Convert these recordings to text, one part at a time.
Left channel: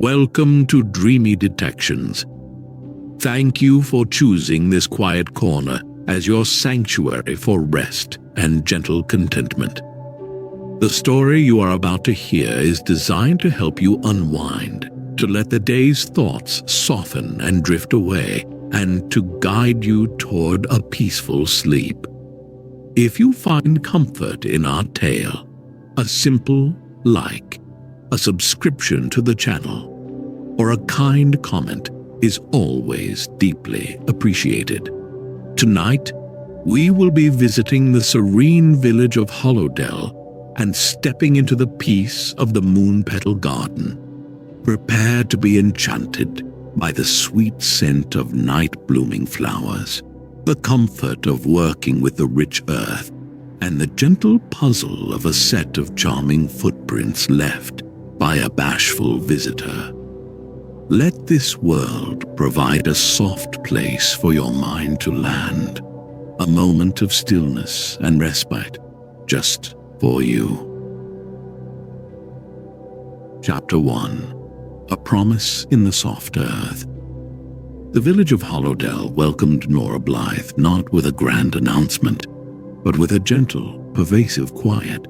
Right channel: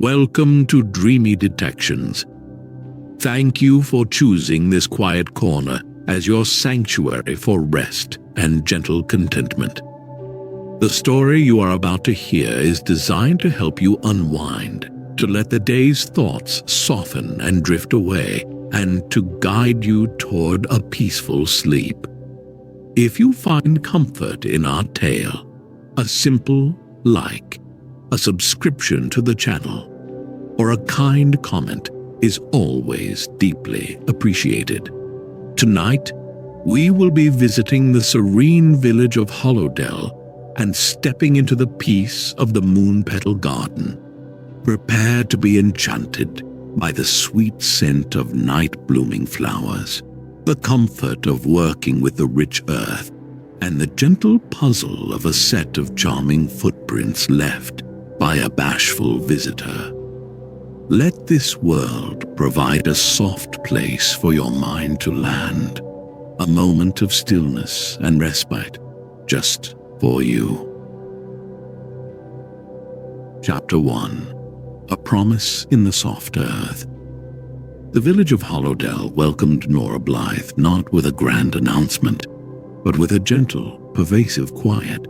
Welcome to Dreamy Detections. Thank you for choosing this quiet corner as your sanctuary for rest and gentle contentment. The story you are about to hear is designed to help you unwind, to let the day's thoughts soften and drift away, and to guide you toward a peaceful sleep. If you find comfort in our tale, a simple like, a subscription to the channel, or a kind comment is always deeply appreciated. Tonight, we will be visiting the serene village of Hollowdell and stepping into the peace of the Moonpetal Garden. Prepare to be enchanted by the sweet scent of night-blooming flowers, the comfort of working with the rich earth, and the gentle puzzle of a set of charming footprints left by a bashful visitor. Let this world provide a soft place for your mind to land, a moment of stillness and respite just for you. Chapter 1. A Promise in the Soft Earth. The village of Hollowdell welcomed Nora Blythe not with a grand announcement, but with a gentle, pervasive quiet.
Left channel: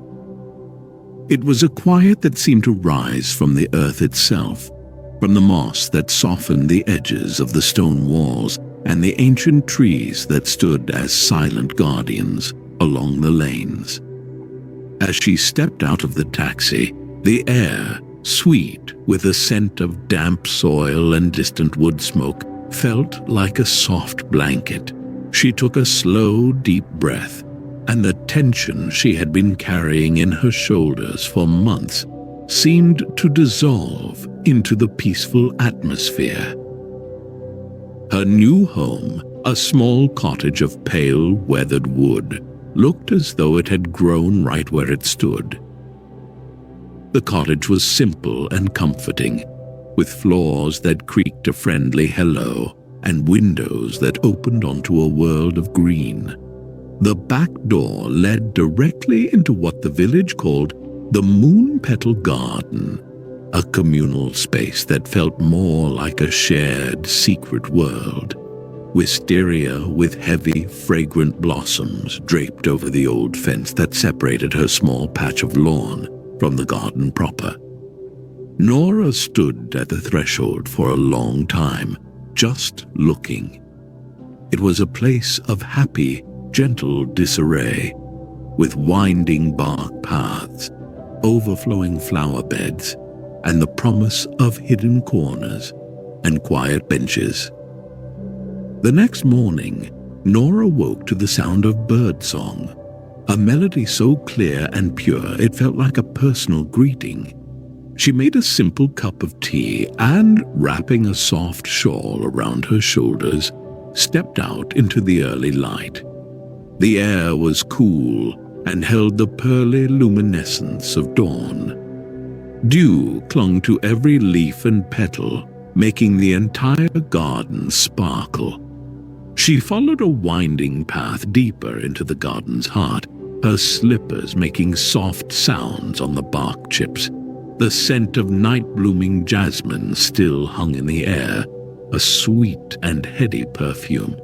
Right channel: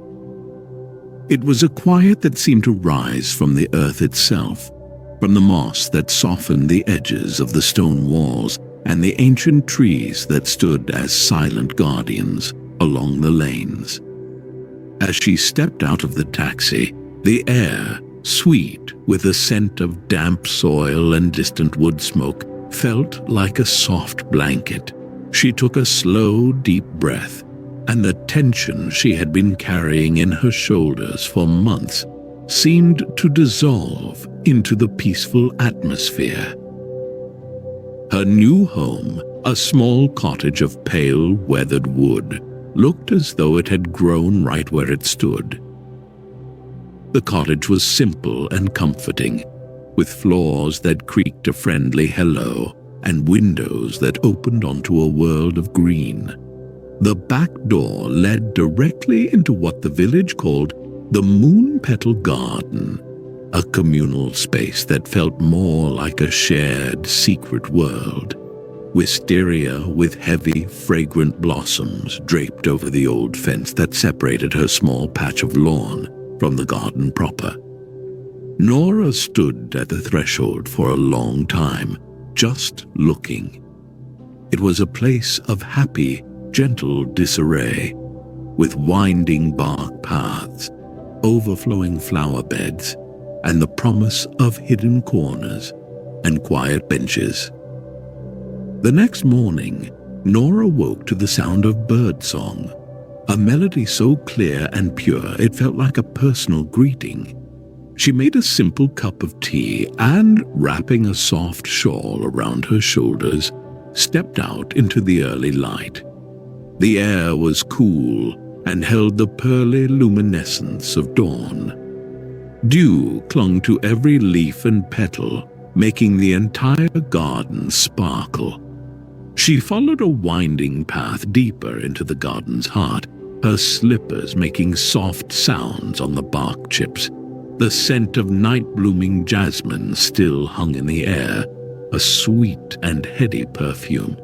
It was a quiet that seemed to rise from the earth itself, from the moss that softened the edges of the stone walls and the ancient trees that stood as silent guardians along the lanes. As she stepped out of the taxi, the air, sweet with the scent of damp soil and distant wood smoke, felt like a soft blanket. She took a slow, deep breath, and the tension she had been carrying in her shoulders for months seemed to dissolve into the peaceful atmosphere. Her new home, a small cottage of pale, weathered wood, looked as though it had grown right where it stood. The cottage was simple and comforting, with floors that creaked a friendly hello and windows that opened onto a world of green. The back door led directly into what the village called the Moonpetal Garden, a communal space that felt more like a shared, secret world. Wisteria with heavy, fragrant blossoms draped over the old fence that separated her small patch of lawn from the garden proper. Nora stood at the threshold for a long time, just looking. It was a place of happy, gentle disarray, with winding bark paths, overflowing flower beds, and the promise of hidden corners and quiet benches. The next morning, Nora woke to the sound of birdsong, a melody so clear and pure it felt like a personal greeting. She made a simple cup of tea and, wrapping a soft shawl around her shoulders, stepped out into the early light. The air was cool and held the pearly luminescence of dawn. Dew clung to every leaf and petal, making the entire garden sparkle. She followed a winding path deeper into the garden's heart, her slippers making soft sounds on the bark chips. The scent of night-blooming jasmine still hung in the air, a sweet and heady perfume.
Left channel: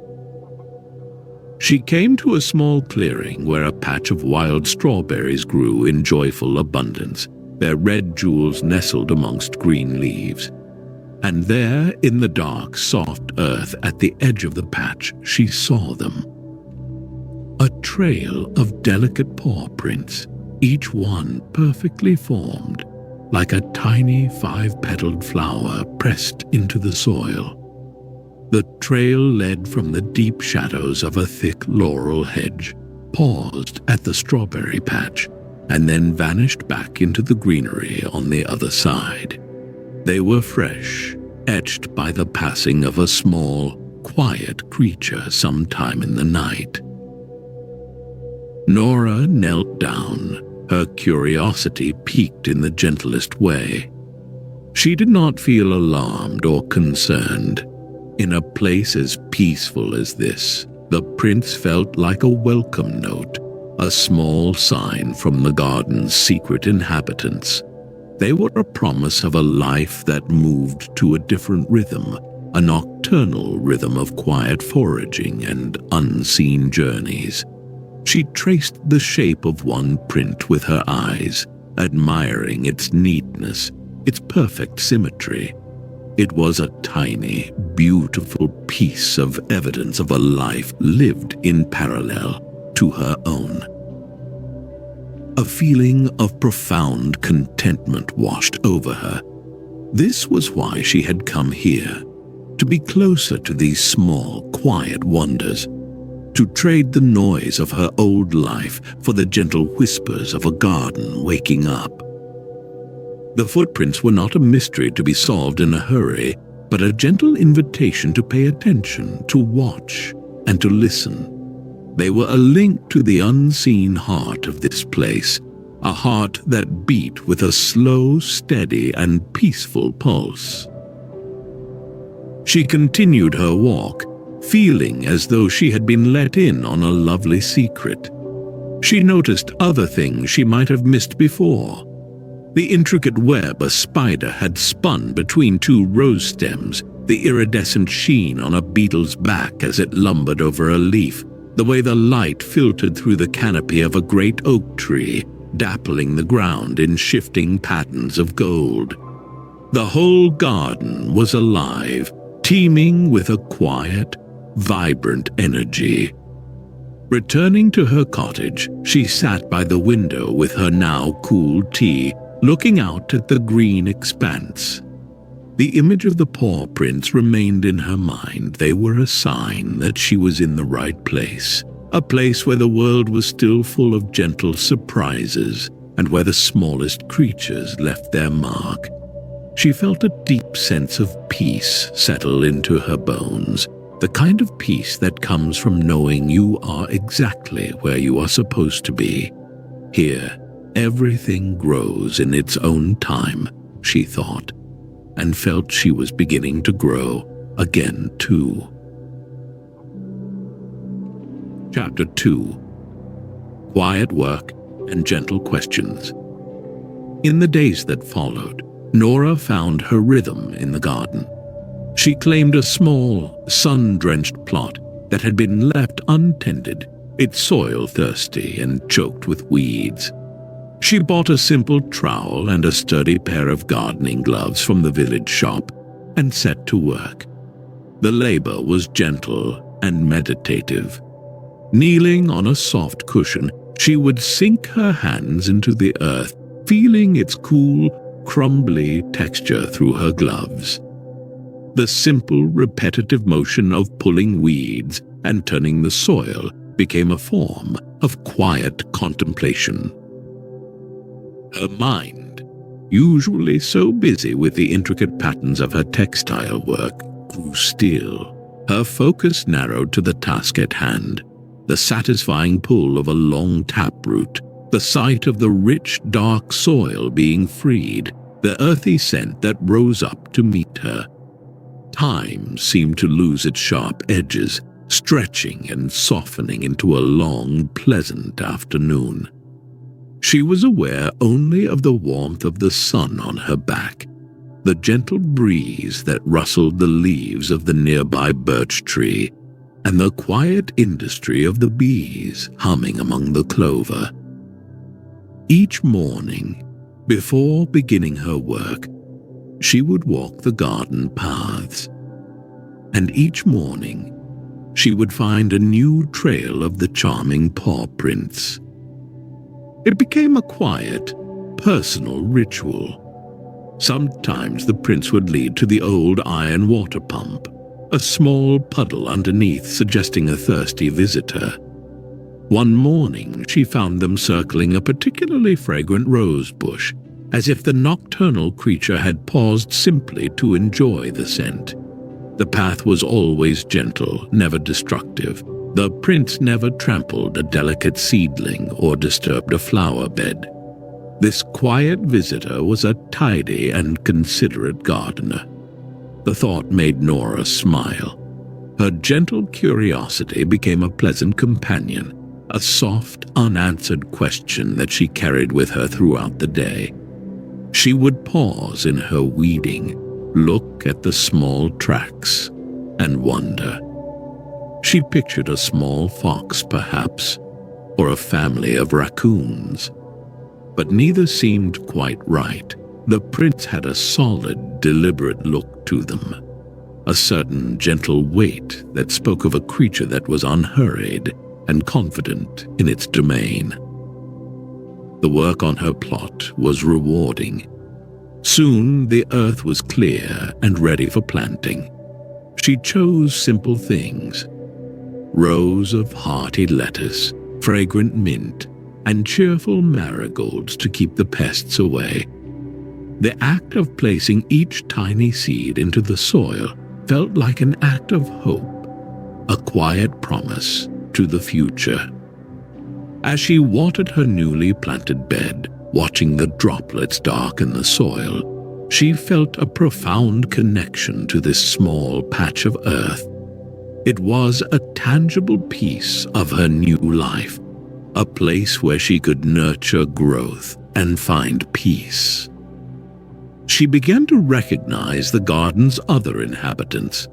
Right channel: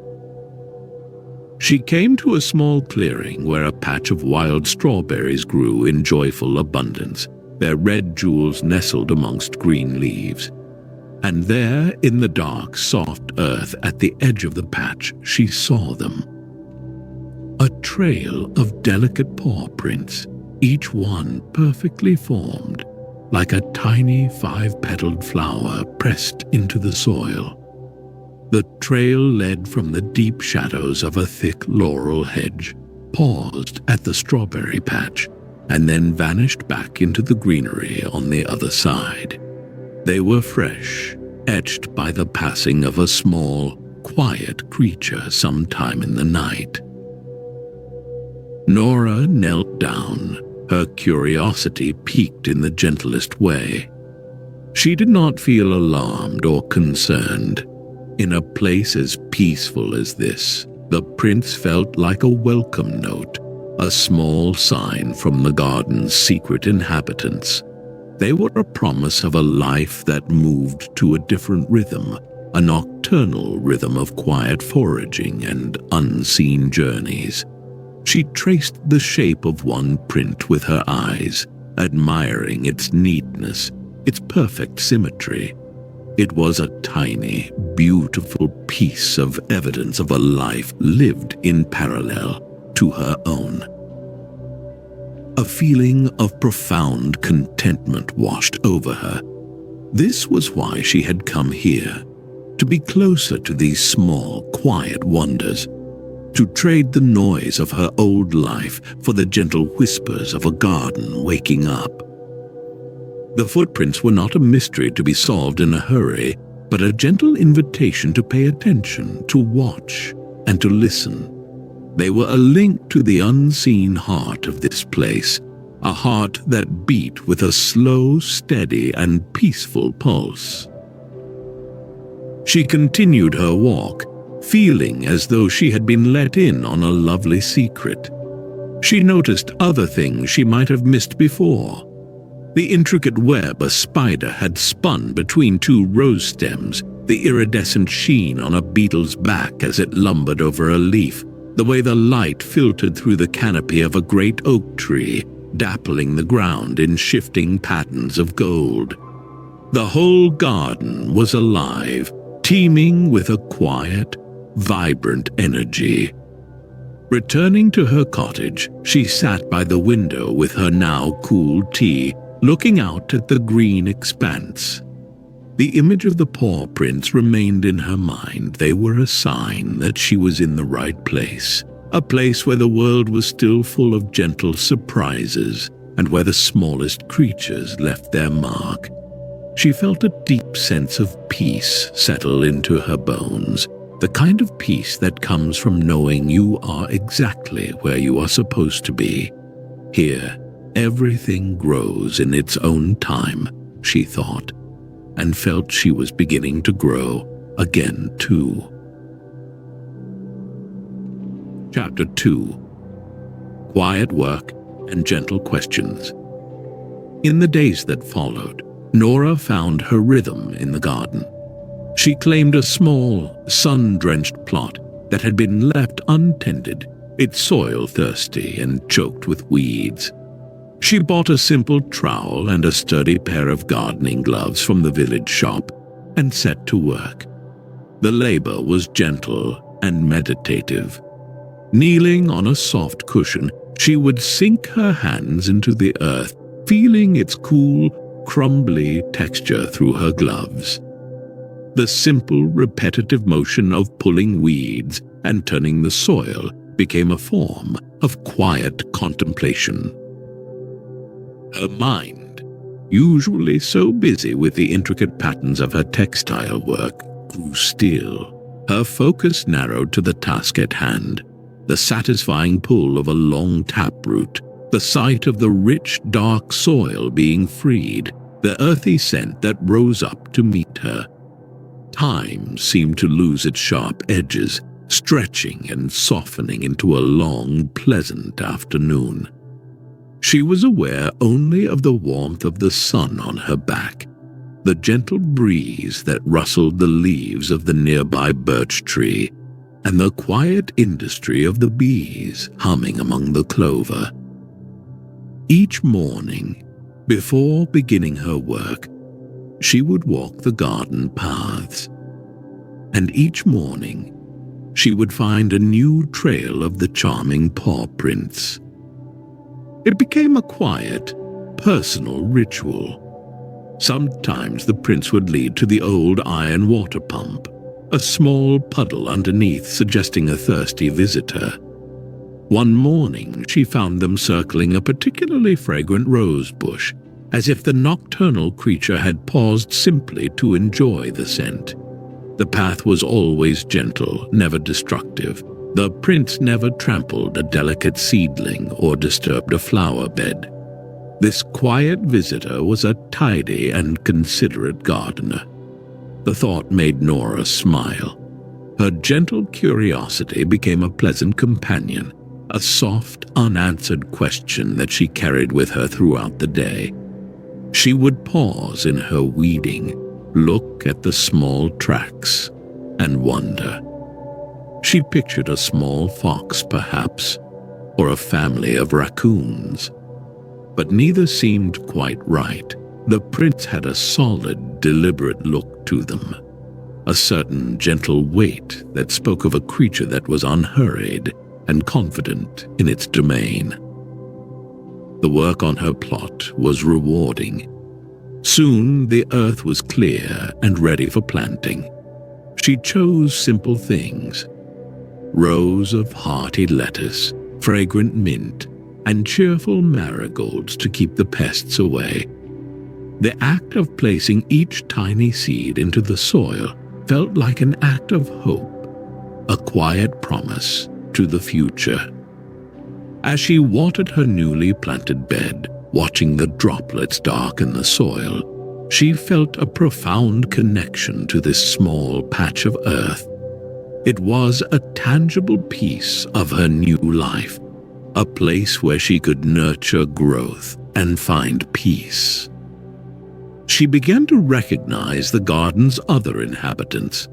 She came to a small clearing where a patch of wild strawberries grew in joyful abundance, their red jewels nestled amongst green leaves. And there, in the dark, soft earth at the edge of the patch, she saw them. A trail of delicate paw prints, each one perfectly formed, like a tiny 5-petaled flower pressed into the soil. The trail led from the deep shadows of a thick laurel hedge, paused at the strawberry patch, and then vanished back into the greenery on the other side. They were fresh, etched by the passing of a small, quiet creature sometime in the night. Nora knelt down, her curiosity piqued in the gentlest way. She did not feel alarmed or concerned. In a place as peaceful as this, the prince felt like a welcome note, a small sign from the garden's secret inhabitants. They were a promise of a life that moved to a different rhythm, a nocturnal rhythm of quiet foraging and unseen journeys. She traced the shape of one print with her eyes, admiring its neatness, its perfect symmetry. It was a tiny, beautiful piece of evidence of a life lived in parallel to her own. A feeling of profound contentment washed over her. This was why she had come here, to be closer to these small, quiet wonders, to trade the noise of her old life for the gentle whispers of a garden waking up. The footprints were not a mystery to be solved in a hurry, but a gentle invitation to pay attention, to watch, and to listen. They were a link to the unseen heart of this place, a heart that beat with a slow, steady, and peaceful pulse. She continued her walk, feeling as though she had been let in on a lovely secret. She noticed other things she might have missed before. The intricate web a spider had spun between two rose stems, the iridescent sheen on a beetle's back as it lumbered over a leaf, the way the light filtered through the canopy of a great oak tree, dappling the ground in shifting patterns of gold. The whole garden was alive, teeming with a quiet, vibrant energy. Returning to her cottage, she sat by the window with her now cool tea, looking out at the green expanse. The image of the paw prints remained in her mind. They were a sign that she was in the right place, a place where the world was still full of gentle surprises and where the smallest creatures left their mark. She felt a deep sense of peace settle into her bones, the kind of peace that comes from knowing you are exactly where you are supposed to be. Here, everything grows in its own time, she thought, and felt she was beginning to grow again too. Chapter 2. Quiet Work and Gentle Questions. In the days that followed, Nora found her rhythm in the garden. She claimed a small, sun-drenched plot that had been left untended, its soil thirsty and choked with weeds. She bought a simple trowel and a sturdy pair of gardening gloves from the village shop and set to work. The labor was gentle and meditative. Kneeling on a soft cushion, she would sink her hands into the earth, feeling its cool, crumbly texture through her gloves. The simple, repetitive motion of pulling weeds and turning the soil became a form of quiet contemplation. Her mind, usually so busy with the intricate patterns of her textile work, grew still. Her focus narrowed to the task at hand, the satisfying pull of a long taproot, the sight of the rich, dark soil being freed, the earthy scent that rose up to meet her. Time seemed to lose its sharp edges, stretching and softening into a long, pleasant afternoon. She was aware only of the warmth of the sun on her back, the gentle breeze that rustled the leaves of the nearby birch tree, and the quiet industry of the bees humming among the clover. Each morning, before beginning her work, she would walk the garden paths, and each morning she would find a new trail of the charming paw prints. It became a quiet, personal ritual. Sometimes the prints would lead to the old iron water pump, a small puddle underneath suggesting a thirsty visitor. One morning she found them circling a particularly fragrant rose bush, as if the nocturnal creature had paused simply to enjoy the scent. The path was always gentle, never destructive. The prints never trampled a delicate seedling or disturbed a flower bed. This quiet visitor was a tidy and considerate gardener. The thought made Nora smile. Her gentle curiosity became a pleasant companion, a soft, unanswered question that she carried with her throughout the day. She would pause in her weeding, look at the small tracks, and wonder. She pictured a small fox, perhaps, or a family of raccoons. But neither seemed quite right. The prints had a solid, deliberate look to them, a certain gentle weight that spoke of a creature that was unhurried and confident in its domain. The work on her plot was rewarding. Soon the earth was clear and ready for planting. She chose simple things: rows of hearty lettuce, fragrant mint, and cheerful marigolds to keep the pests away. The act of placing each tiny seed into the soil felt like an act of hope, a quiet promise to the future. As she watered her newly planted bed, watching the droplets darken the soil, she felt a profound connection to this small patch of earth. It was a tangible piece of her new life, a place where she could nurture growth and find peace. She began to recognize the garden's other inhabitants.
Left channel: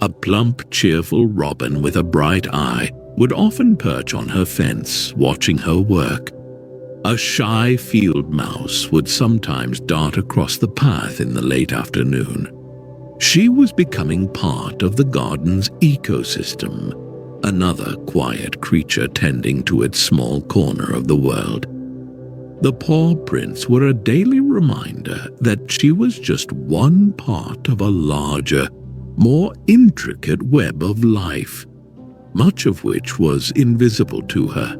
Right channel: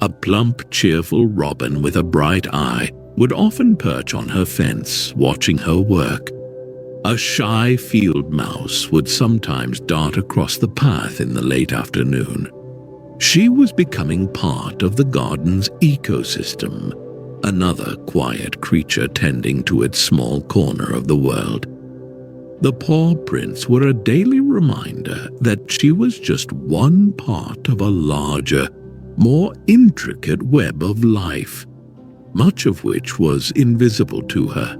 A plump, cheerful robin with a bright eye would often perch on her fence, watching her work. A shy field mouse would sometimes dart across the path in the late afternoon. She was becoming part of the garden's ecosystem, another quiet creature tending to its small corner of the world. The paw prints were a daily reminder that she was just one part of a larger, more intricate web of life, much of which was invisible to her.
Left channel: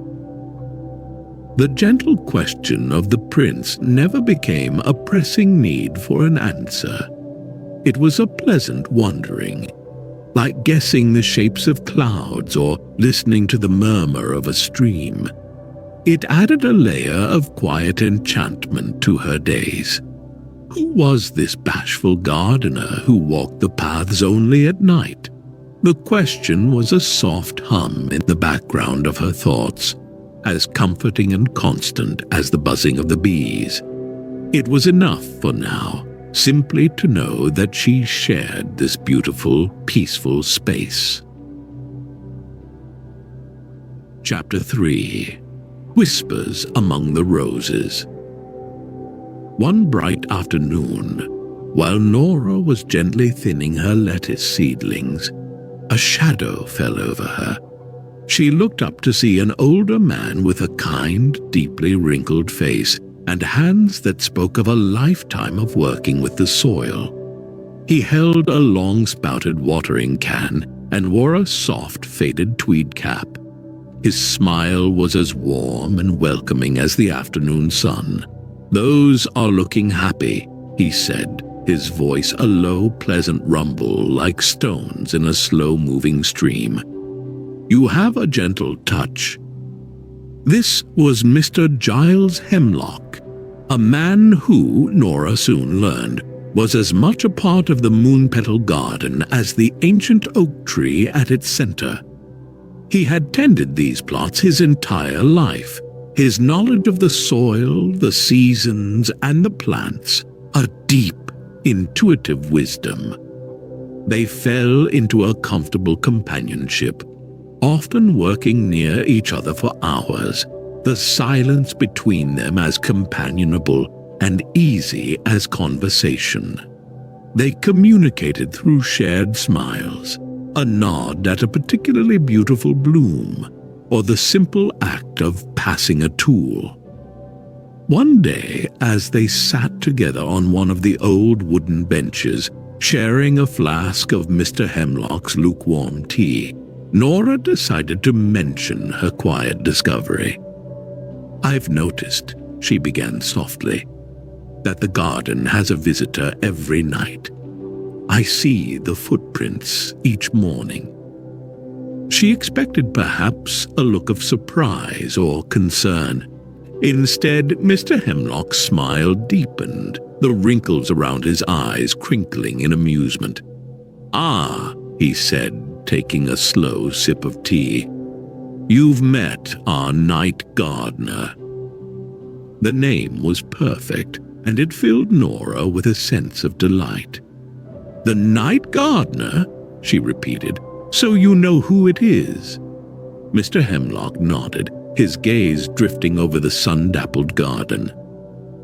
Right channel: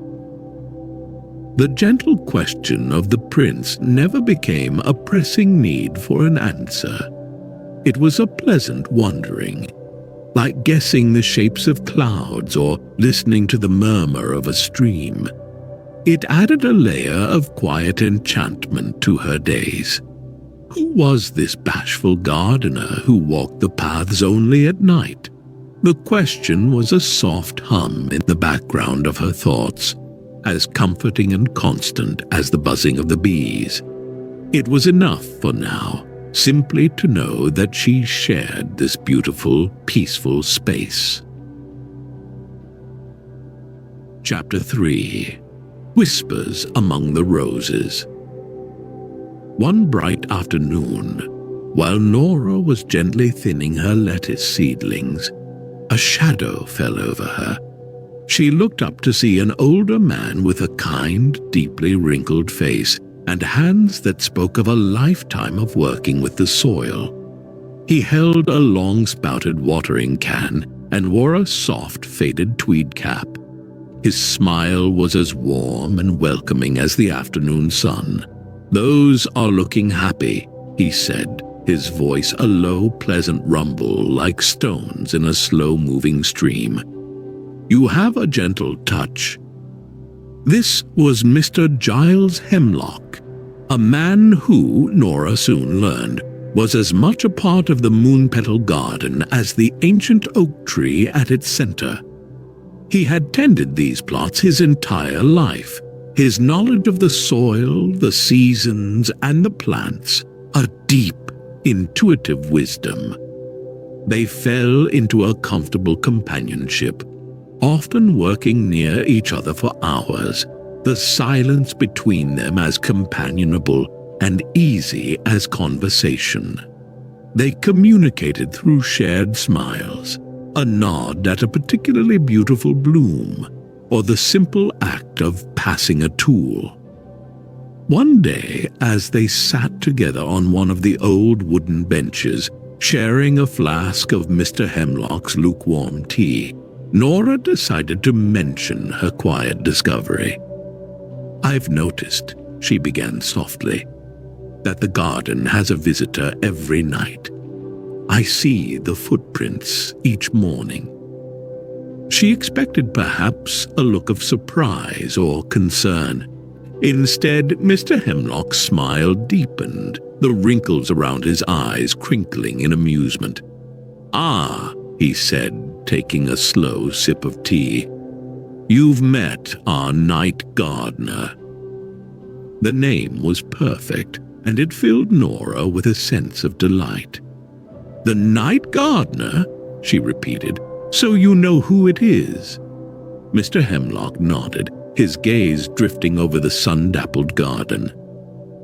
The gentle question of the prince never became a pressing need for an answer. It was a pleasant wondering, like guessing the shapes of clouds or listening to the murmur of a stream. It added a layer of quiet enchantment to her days. Who was this bashful gardener who walked the paths only at night? The question was a soft hum in the background of her thoughts, as comforting and constant as the buzzing of the bees. It was enough for now, simply to know that she shared this beautiful, peaceful space. Chapter 3. Whispers Among the Roses. One bright afternoon, while Nora was gently thinning her lettuce seedlings, a shadow fell over her. She looked up to see an older man with a kind, deeply wrinkled face and hands that spoke of a lifetime of working with the soil. He held a long-spouted watering can and wore a soft, faded tweed cap. His smile was as warm and welcoming as the afternoon sun. "Those are looking happy," he said, his voice a low, pleasant rumble like stones in a slow-moving stream. "You have a gentle touch." This was Mr. Giles Hemlock, a man who, Nora soon learned, was as much a part of the Moonpetal Garden as the ancient oak tree at its center. He had tended these plots his entire life. His knowledge of the soil, the seasons, and the plants, a deep, intuitive wisdom. They fell into a comfortable companionship, often working near each other for hours, the silence between them as companionable and easy as conversation. They communicated through shared smiles, a nod at a particularly beautiful bloom, or the simple act of passing a tool. One day, as they sat together on one of the old wooden benches, sharing a flask of Mr. Hemlock's lukewarm tea, Nora decided to mention her quiet discovery. "I've noticed," she began softly, "that the garden has a visitor every night. I see the footprints each morning." She expected perhaps a look of surprise or concern. Instead, Mr. Hemlock's smile deepened, the wrinkles around his eyes crinkling in amusement. "Ah," he said, taking a slow sip of tea, "you've met our night gardener." The name was perfect, and it filled Nora with a sense of delight. "The night gardener?" she repeated. "So you know who it is?" Mr. Hemlock nodded, his gaze drifting over the sun-dappled garden.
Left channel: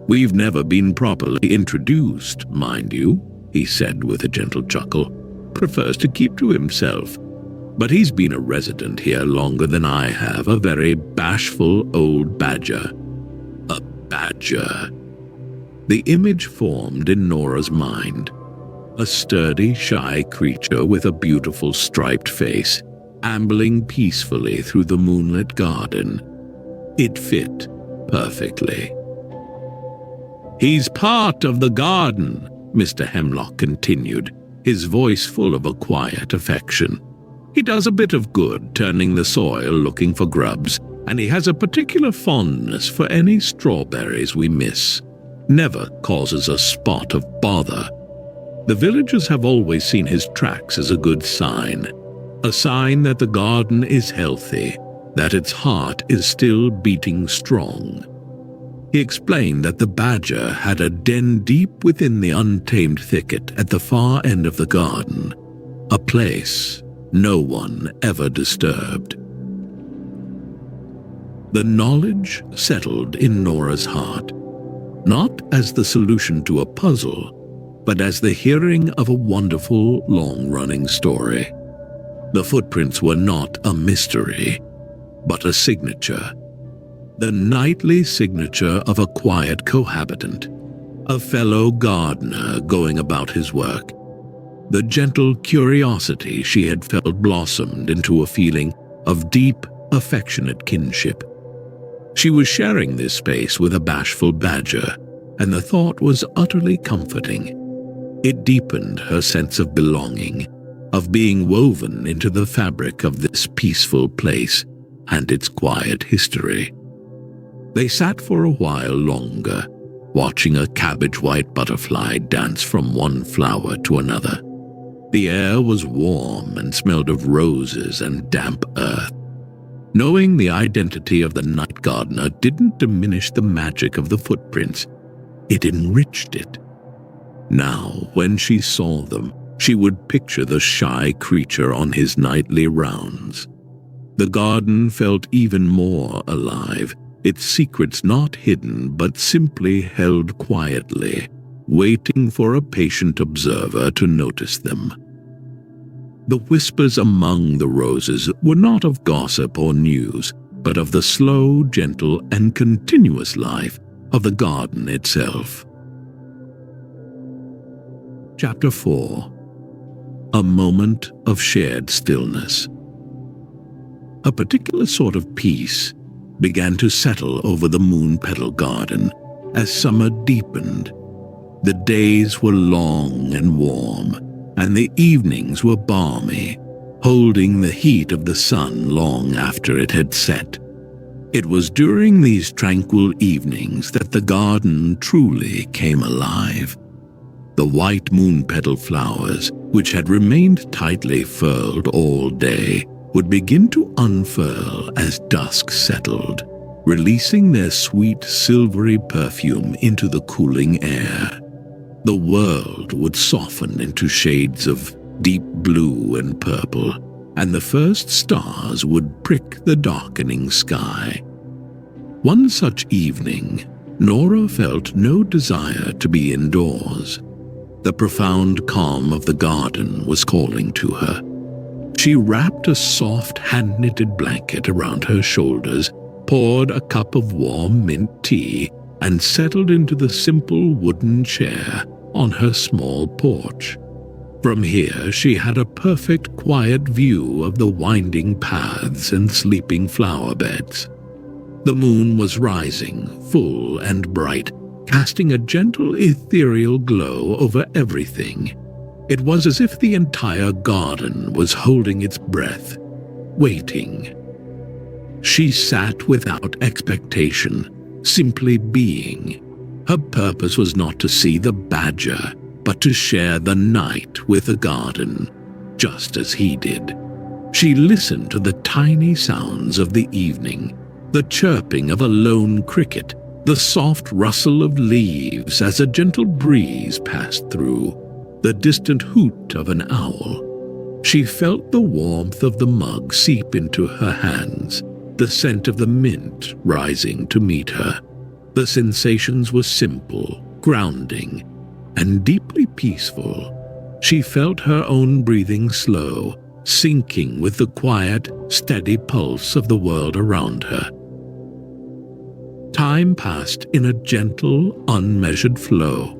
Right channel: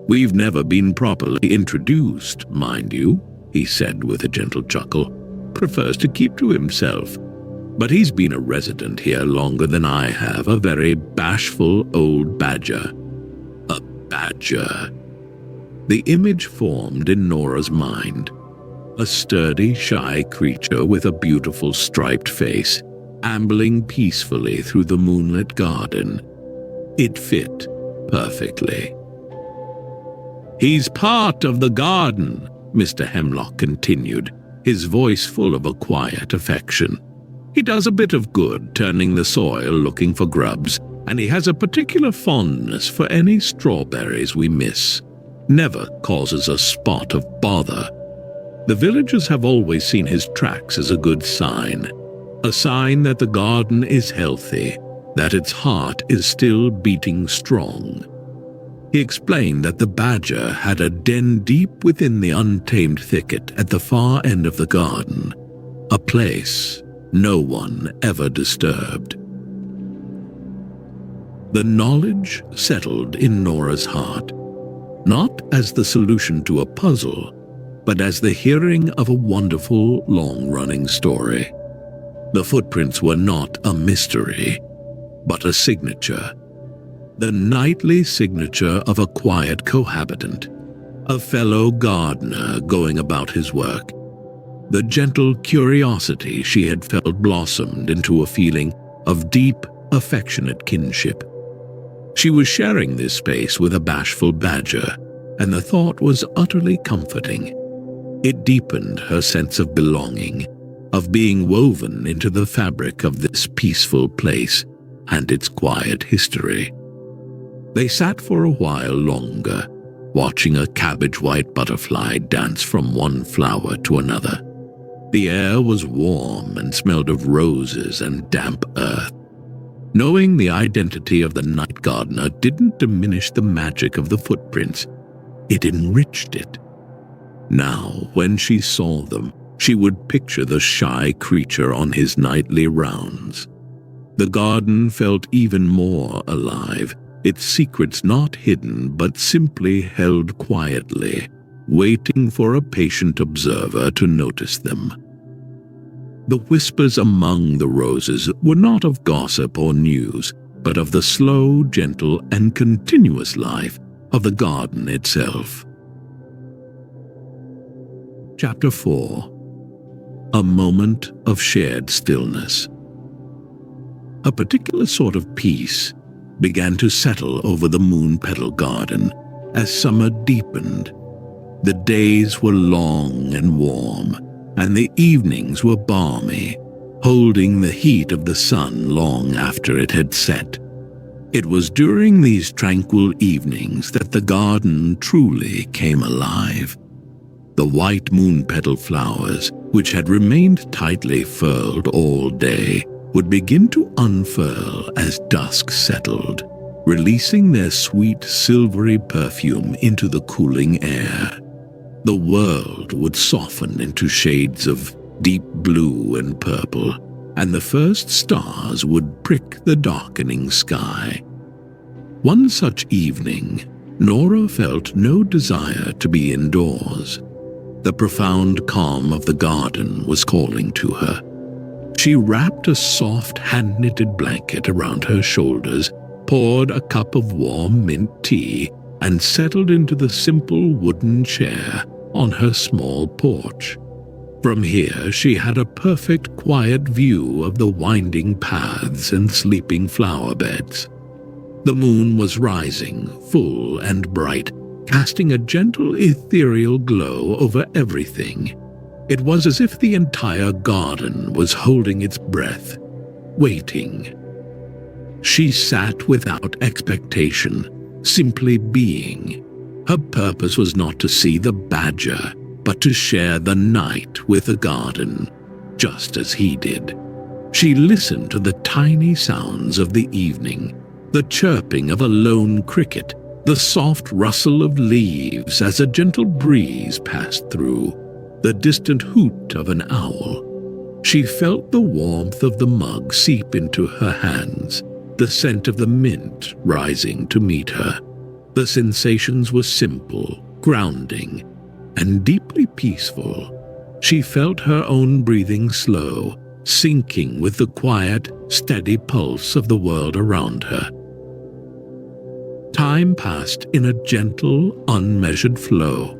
"We've never been properly introduced, mind you," he said with a gentle chuckle. "Prefers to keep to himself. But he's been a resident here longer than I have, a very bashful old badger." A badger. The image formed in Nora's mind. A sturdy, shy creature with a beautiful striped face, ambling peacefully through the moonlit garden. It fit perfectly. "He's part of the garden," Mr. Hemlock continued, his voice full of a quiet affection. "He does a bit of good turning the soil looking for grubs, and he has a particular fondness for any strawberries we miss. Never causes a spot of bother. The villagers have always seen his tracks as a good sign, a sign that the garden is healthy, that its heart is still beating strong." He explained that the badger had a den deep within the untamed thicket at the far end of the garden, a place no one ever disturbed. The knowledge settled in Nora's heart, not as the solution to a puzzle, but as the hearing of a wonderful, long-running story. The footprints were not a mystery, but a signature. The nightly signature of a quiet cohabitant, a fellow gardener going about his work. The gentle curiosity she had felt blossomed into a feeling of deep, affectionate kinship. She was sharing this space with a bashful badger, and the thought was utterly comforting. It deepened her sense of belonging, of being woven into the fabric of this peaceful place and its quiet history. They sat for a while longer, watching a cabbage-white butterfly dance from one flower to another. The air was warm and smelled of roses and damp earth. Knowing the identity of the night gardener didn't diminish the magic of the footprints. It enriched it. Now, when she saw them, she would picture the shy creature on his nightly rounds. The garden felt even more alive, its secrets not hidden but simply held quietly, waiting for a patient observer to notice them. The whispers among the roses were not of gossip or news, but of the slow, gentle, and continuous life of the garden itself. Chapter 4. A Moment of Shared Stillness. A particular sort of peace began to settle over the Moonpetal Garden as summer deepened. The days were long and warm, and the evenings were balmy, holding the heat of the sun long after it had set. It was during these tranquil evenings that the garden truly came alive. The white moonpetal flowers, which had remained tightly furled all day, would begin to unfurl as dusk settled, releasing their sweet silvery perfume into the cooling air. The world would soften into shades of deep blue and purple, and the first stars would prick the darkening sky. One such evening, Nora felt no desire to be indoors. The profound calm of the garden was calling to her. She wrapped a soft hand-knitted blanket around her shoulders, poured a cup of warm mint tea, and settled into the simple wooden chair on her small porch. From here she had a perfect quiet view of the winding paths and sleeping flower beds. The moon was rising, full and bright, casting a gentle ethereal glow over everything. It was as if the entire garden was holding its breath, waiting. She sat without expectation, simply being. Her purpose was not to see the badger, but to share the night with the garden, just as he did. She listened to the tiny sounds of the evening, the chirping of a lone cricket, The soft rustle of leaves as a gentle breeze passed through, the distant hoot of an owl. She felt the warmth of the mug seep into her hands, the scent of the mint rising to meet her. The sensations were simple, grounding, and deeply peaceful. She felt her own breathing slow, syncing with the quiet, steady pulse of the world around her. Time passed in a gentle, unmeasured flow.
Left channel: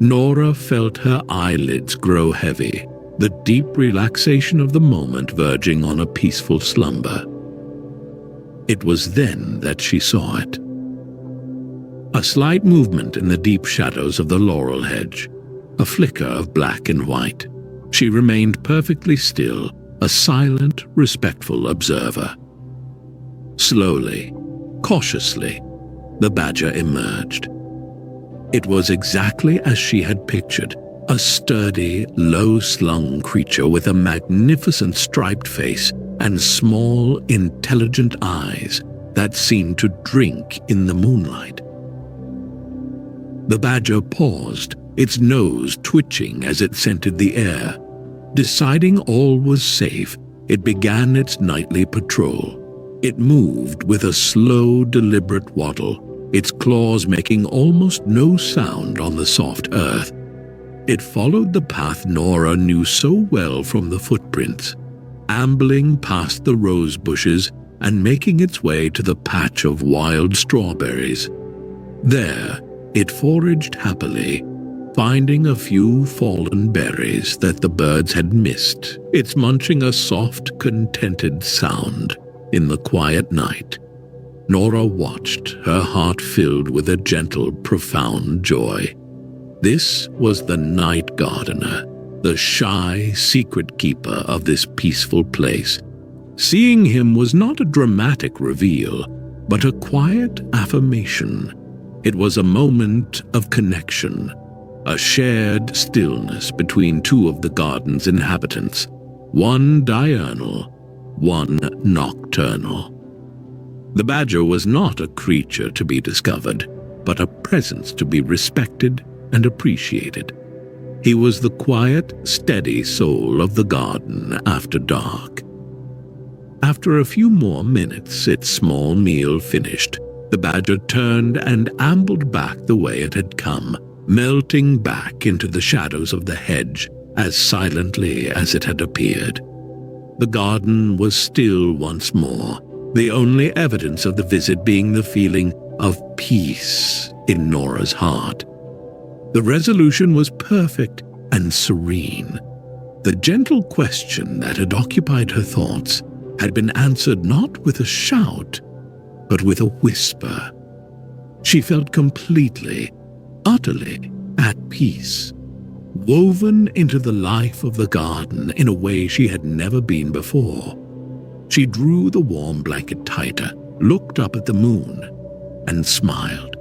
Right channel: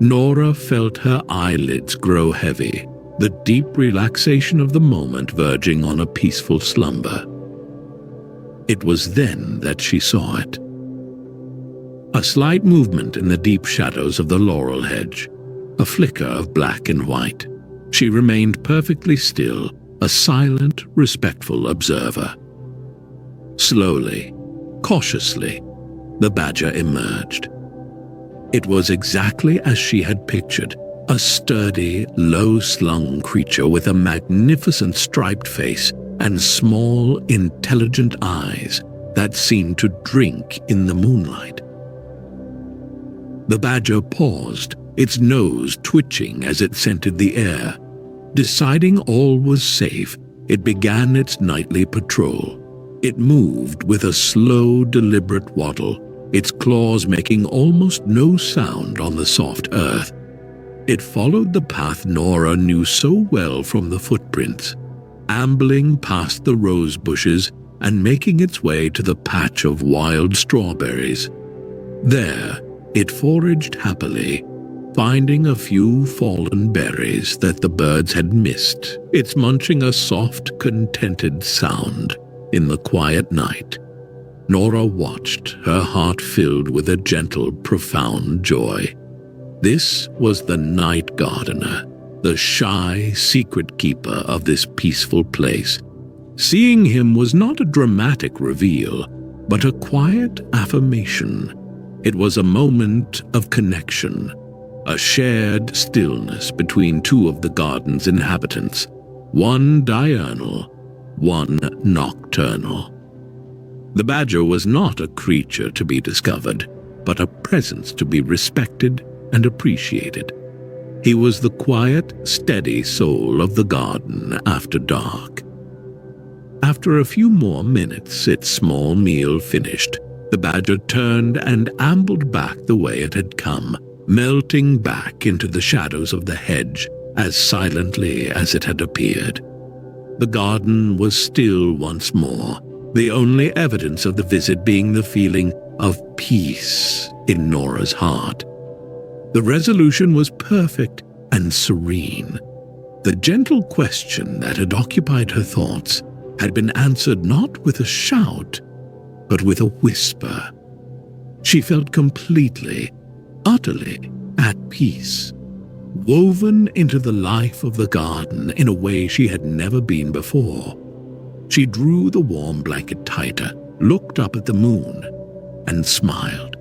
Nora felt her eyelids grow heavy, the deep relaxation of the moment verging on a peaceful slumber. It was then that she saw it. A slight movement in the deep shadows of the laurel hedge, a flicker of black and white. She remained perfectly still, a silent, respectful observer. Slowly, cautiously, the badger emerged. It was exactly as she had pictured, a sturdy, low-slung creature with a magnificent striped face and small, intelligent eyes that seemed to drink in the moonlight. The badger paused, its nose twitching as it scented the air. Deciding all was safe, it began its nightly patrol. It moved with a slow, deliberate waddle, its claws making almost no sound on the soft earth. It followed the path Nora knew so well from the footprints, ambling past the rose bushes and making its way to the patch of wild strawberries. There, it foraged happily, finding a few fallen berries that the birds had missed, its munching a soft, contented sound in the quiet night. Nora watched, her heart filled with a gentle, profound joy. This was the night gardener, the shy, secret keeper of this peaceful place. Seeing him was not a dramatic reveal, but a quiet affirmation. It was a moment of connection, a shared stillness between two of the garden's inhabitants, one diurnal, one nocturnal. The badger was not a creature to be discovered, but a presence to be respected and appreciated. He was the quiet, steady soul of the garden after dark. After a few more minutes, its small meal finished, the badger turned and ambled back the way it had come, melting back into the shadows of the hedge as silently as it had appeared. The garden was still once more, the only evidence of the visit being the feeling of peace in Nora's heart. The resolution was perfect and serene. The gentle question that had occupied her thoughts had been answered not with a shout, but with a whisper. She felt completely, utterly at peace, woven into the life of the garden in a way she had never been before. She drew the warm blanket tighter, looked up at the moon, and smiled.